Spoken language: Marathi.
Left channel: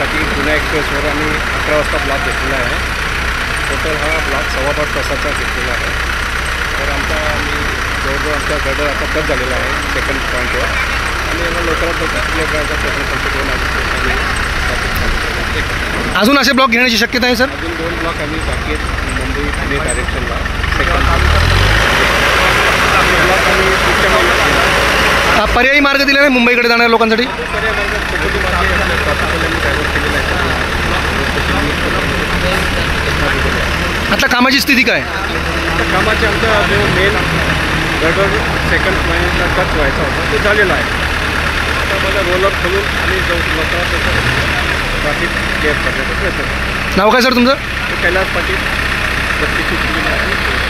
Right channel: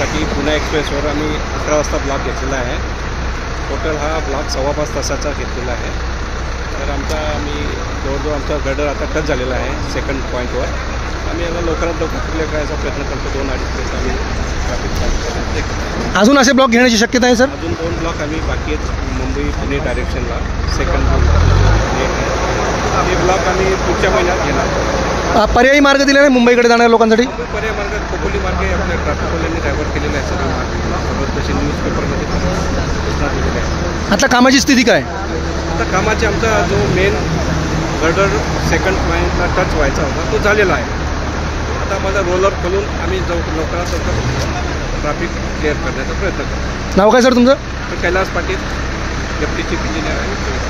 त्यासाठी पुणे एक्सप्रेसवर आम्ही 11 वाजता ब्लॉक घेतलेला आहे. टोटल हा ब्लॉक 2.25 तासाचा घेतलेला आहे. तर आम्ही जवळजवळ आमचा गर्डर आता टच झालेला आहे सेकंड पॉईंटवर आणि याला लवकरात लवकर क्लिअर करायचा प्रयत्न करतो. 2 अडीच आम्ही ट्रॅफिक चालू. अजून असे ब्लॉक घेण्याची शक्यता आहे सर? अजून 2 ब्लॉक आम्ही बाकी आहेत मुंबई ठाणे डायरेक्शनला. सेकंड ब्लॉक आम्ही पुढच्या महिन्यात पर्यायी मार्ग दिला नाही मुंबईकडे जाणाऱ्या लोकांसाठी? पर्याय मार्ग खोपोली मार्ग ट्रॅफिकवाल्यांनी डायव्हर्ट केलेला आहे. आता कामाची स्थिती काय? आता कामाचे आमचा जो मेन गर्डर सेकंड पॉईंटला टच व्हायचा होता तो झालेला आहे. आता माझा रोलर खोलून आणि लवकरात लवकर ट्रॅफिक क्लिअर करण्याचा प्रयत्न करतो. नाव काय सर तुमचं? कैलास पाटील, गट्टीची इंजिनियर.